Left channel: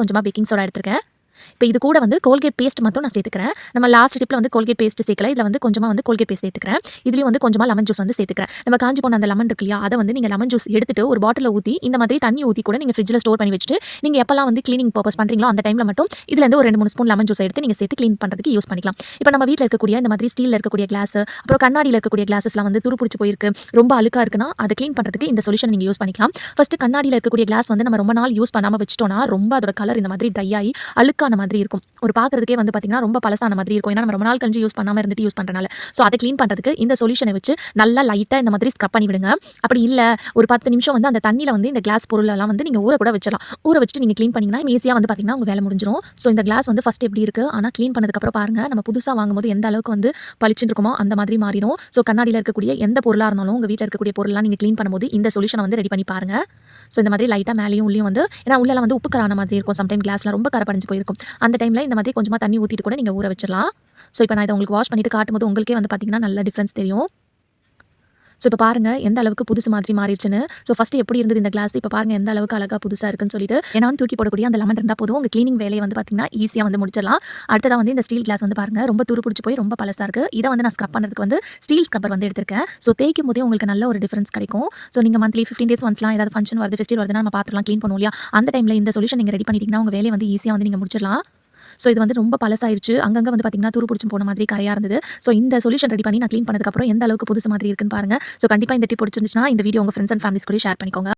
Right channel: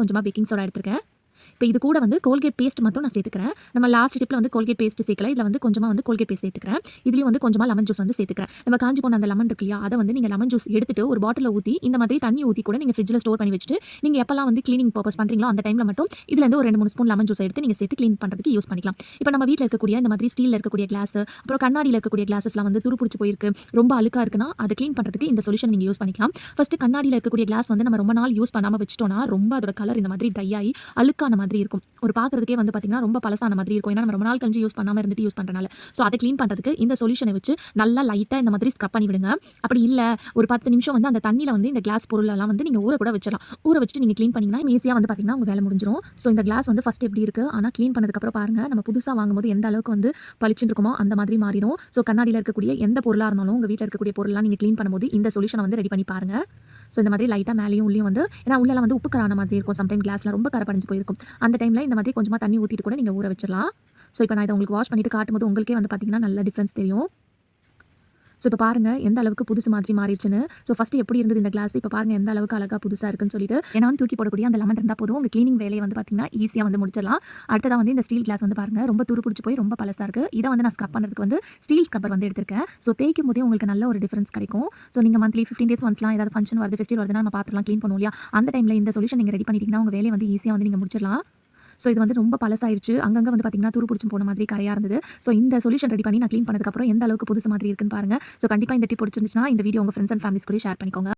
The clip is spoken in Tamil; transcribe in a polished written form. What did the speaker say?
கொஞ்சமா பேக்கிங் சோடா எடுத்துருக்கேன். இப்போ இது கூட வந்து கோல்கேட் பேஸ்ட் மட்டும் நான் சேர்த்துக்கிறேன். நம்ம லாஸ்ட் டிப்ல வந்து கோல்கேட் பேஸ்ட் சேர்க்கல. இதில வந்து கொஞ்சமா வந்து கோல்கேட் பேஸ்ட் சேர்த்துக்கிறேன். இதுலயும் வந்து கொஞ்சமா லெமன் ஜூஸ் வந்து சேர்த்துக்கிறேன். நம்ம காஞ்சு போன அந்த லெமன் இருக்கு இல்லையா? அத வந்து நீங்க லெமன் ஜூஸ் எடுத்துட்டு ஒரு பாட்டில்ல ஊத்தி இந்த மாதிரி தண்ணி ஊத்தி கூட நீங்க ஃப்ரிட்ஜ்ல ஸ்டோர் பண்ணி வச்சுட்டு, நீங்க எப்பலாம் வந்து கிளீனிங் பர்ப்பஸ் பண்றீங்களோ அந்த டைம்ல மட்டும் இதுல இருந்து ஒரு 2, 3 ஸ்பூன் லெமன் ஜூஸ் எடுத்து நீங்க சேர்த்து கிளீன் பண்றதுக்கு யூஸ் பண்ணிக்கலாம். இப்போ நம்ம வீட்ல இருக்கக்கூடிய இந்த மாதிரி ஸ்டீல்ல இருக்கக்கூடிய கிளாஸ், அப்புறம் கண்ணாடியில இருக்கக்கூடிய கிளாஸஸ்லாம் வந்து துரு புடிச்சு போயிருக்கு, ரொம்ப அழுக்கா இருக்குன்னா, அத கிளீன் பண்றதுக்கு இந்த சொல்யூஷன் நீங்க யூஸ் பண்ணிக்கலாம். ஃபர்ஸ்ட் கண்ணாடியில இருக்கக்கூடிய கிளாஸ் வந்து நம்ம ரொம்ப நாள் யூஸ் பண்ணாம வச்சுட்டோம்னா, ரொம்ப அதோட கலர் இந்த மாதிரி ட்ரை ஆயி அழுக்கான மாதிரி இருக்கும். ஒரு பார்க்கறதுக்கே வந்து பார்த்தீங்கன்னா, ரொம்ப பழசான மாதிரி இருக்கும். ஏன்னா நம்ம ரொம்ப நாள் கழிச்சு யூஸ் பண்ணாம இருந்துட்டு யூஸ் பண்றனால. ஸோ அத கிளீன் பண்றதுக்கு இந்த சொல்யூஷன வச்சு நல்லா லைட்டா இந்த மாதிரி ஸ்க்ரப் பண்ணி விடுங்க. அப்படி இல்ல ஒரு 10 நிமிஷம் வந்து அந்த தண்ணீல வந்து இந்த கிளாஸ் பொருளெல்லாம் வந்து நீங்க ஊற கூட வச்சிடலாம். ஊற வச்சுட்டு நீங்க கிளீன் பண்ணீங்கன்னா, ஈஸியா வந்து பார்த்தீங்கன்னா, உங்க வேலை முடிஞ்சிரும். ஸோ இந்த கிளாஸ் வந்து ஃபர்ஸ்ட் எப்படி இருக்கு, ஆனா கிளீன் பண்ணதுக்கு அப்புறம் பாருங்க, நம்ம புதுசா வாங்கும்போது எந்த அளவுக்கு வந்து பளிச்சுன்னு இருக்குமோ அந்த மாதிரி மாறிடும். ஸோ கண்ணாடியில இருக்கக்கூடிய எந்த பொருளா இருந்தாலும், உங்க வீட்ல இருக்கக்கூடிய பொருள்லாம் நீங்க கிளீன் பண்ணும்போது இந்த சொல்யூஷன வந்து ரெடி பண்ணி பாருங்க. ஸோ இந்த மாதிரி லைட்டா மேலேயும் உள்ளேயும் வந்து ஏன்னா உள்ளலாம் வந்து உப்பு கரான மாதிரி இருக்கும். சம்டைம் கிளாஸ்ல ரொம்ப கரை படிஞ்சு போயிருக்கும். அந்த டைம்ல இந்த மாதிரி கொஞ்சமா தண்ணி ஊத்திட்டு கூட நீங்க ஊற வச்சிடலாம். ஸோ இப்போ நான் இத உங்களுக்கு வாஷ் பண்ணிட்டு காட்டும்போது உங்களுக்கே வந்து பார்த்தீங்கன்னா, நல்ல டிஃபரன்ஸ் தெரியும். ஸோ இப்போ பாருங்க எந்த அளவுக்கு புதுசு மாதிரி மாறிடுச்சுன்னு. ஸோ ஃபர்ஸ்ட் எப்படி இருந்தது இந்த கிளாஸ், இப்போ பாருங்க எந்த அளவுக்கு அழகா புதுசா இருக்குன்னு சொல்லிட்டு. ஏன்னா வந்து தூக்கி போடக்கூடிய அந்த லெமன் இருந்தா போதும், உங்க கிளீனிங் வேலைய வந்து பார்த்தீங்கன்னா, ஈஸியா வந்து முடிச்சிடலாம். அடுத்ததா வந்து இந்த ஸ்டீல் கிளாஸ் வந்து பாருங்க ரொம்ப துரு புடிச்சு போய் ரொம்ப பழசா இருக்கு. இத வந்து நான் ஸ்க்ரப் பண்றதுக்கு வந்து ஸ்டீல் ஸ்க்ரப்பர் வந்து எடுத்திருக்கேன். ஸோ தேய்க்கும் போதே உங்களுக்கு நல்ல ஒரு டிஃபரன்ஸ் கிடைக்கும். ஸோ நீங்க மந்த்லி 15 டேஸ் ஒன்ஸ்லாம் ஏதாவது ஃபங்ஷன் வருது, ஃபெஸ்டிவல் வருதுன்னா நம்ம பாத்திரம்லாம் கிளீன் பண்ணுவோம் இல்லையா? அந்த டைம்ல இந்த சொல்யூஷன் நீங்க ரெடி பண்ணிட்டீங்கன்னா, உங்க வேலைய வந்து ஈஸியா வந்து நீங்க முடிச்சிடலாம். ஸோ இது வந்து ரொம்ப பழசாயிருச்சு. அங்கங்க வந்து பார்த்தீங்கன்னா, துரு புடிச்சு போன மாதிரி கரையா இருந்தது. ஸோ இந்த சொல்யூஷன் ரெடி பண்ணி நான் கிளீன் பண்ணதுக்கப்புறம் எந்த அளவுக்கு புதுசு மாதிரி இருக்குன்னு பாருங்க. ஸோ கண்டிப்பா இந்த டிப் பிடிச்சிருந்துச்சுன்னா, இந்த வீடியோ உங்க ஃப்ரெண்ட்ஸ் அண்ட் ஃபேமிலிஸ் கூட ஷேர் பண்ணிக்கோங்க.